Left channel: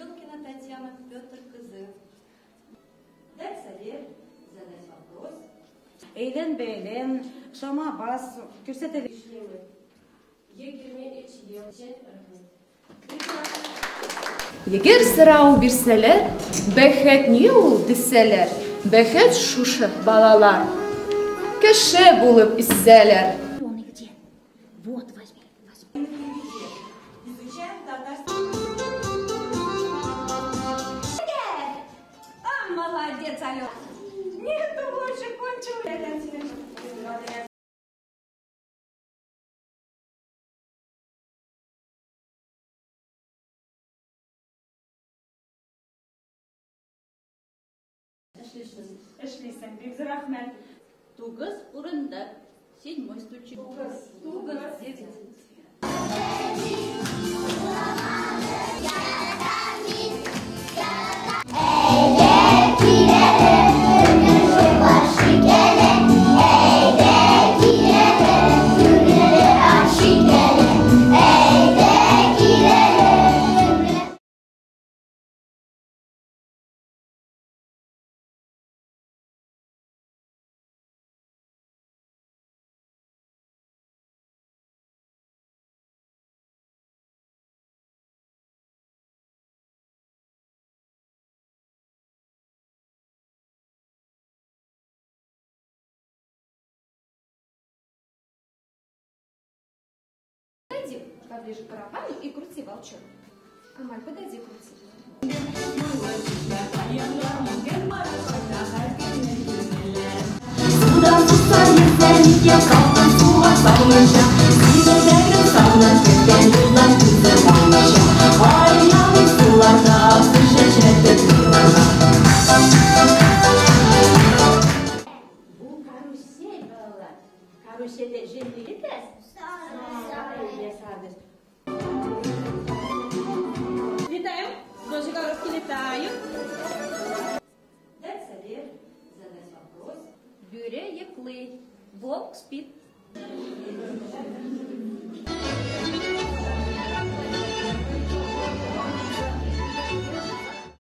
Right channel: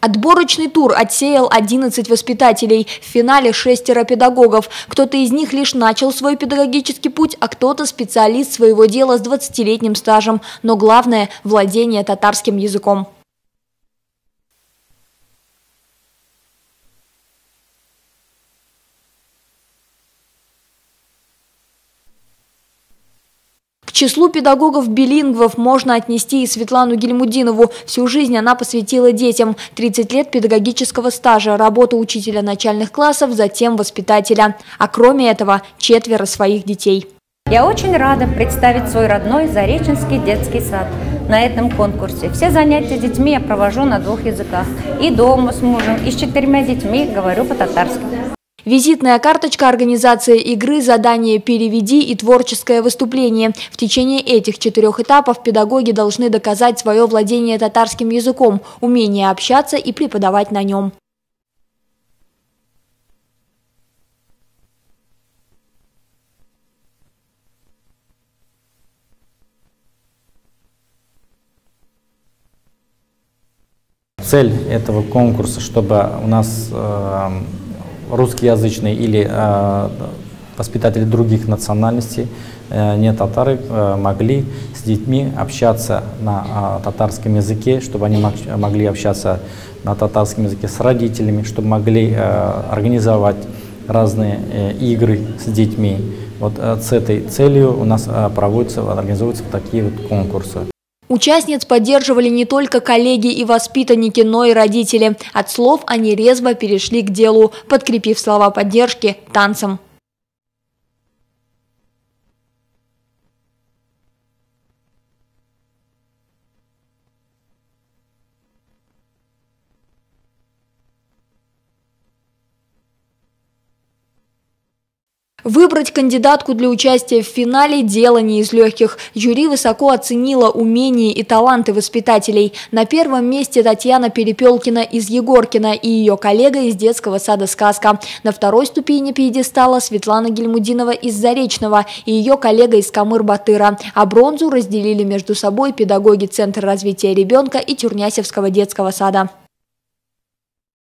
Отборочный тур отсеял 11 воспитателей. В финале 6 педагогов. Кто-то из них лишь начал свой педагогический путь, а кто-то специалист своего дела с 20-летним стажем. Но главное – владение татарским языком. Егер сұрау берселер, бәхет не ул десәләр, бәхет шушы балалар, кеше булып иссәләр. К числу педагогов-билингвов можно отнести и Светлану Гильмудинову. Всю жизнь она посвятила детям. 30 лет педагогического стажа, работа учителя начальных классов, затем воспитателя. А кроме этого, 4 своих детей. Я очень рада представить свой родной Зареченский детский сад на этом конкурсе. Все занятия с детьми я провожу на 2 языках. И дома с мужем, и с 4 детьми говорю по-татарски. Визитная карточка организации игры, задание «Переведи» и творческое выступление. В течение этих 4 этапов педагоги должны доказать свое владение татарским языком, умение общаться и преподавать на нем. Цель этого конкурса, чтобы у нас русскоязычные или воспитатели других национальностей, не татары, могли с детьми общаться на татарском языке, чтобы они могли общаться на татарском языке с родителями, чтобы могли организовать разные игры с детьми. Вот с этой целью у нас организуются такие вот конкурсы. Участниц поддерживали не только коллеги и воспитанники, но и родители. От слов они резво перешли к делу, подкрепив слова поддержки танцем. Выбрать кандидатку для участия в финале – дело не из легких. Жюри высоко оценило умения и таланты воспитателей. На первом месте Татьяна Перепелкина из Егоркина и ее коллега из детского сада «Сказка». На 2-й ступени пьедестала Светлана Гильмудинова из Заречного и ее коллега из Камыр-Батыра. А бронзу разделили между собой педагоги Центра развития ребенка и Тюрнясевского детского сада.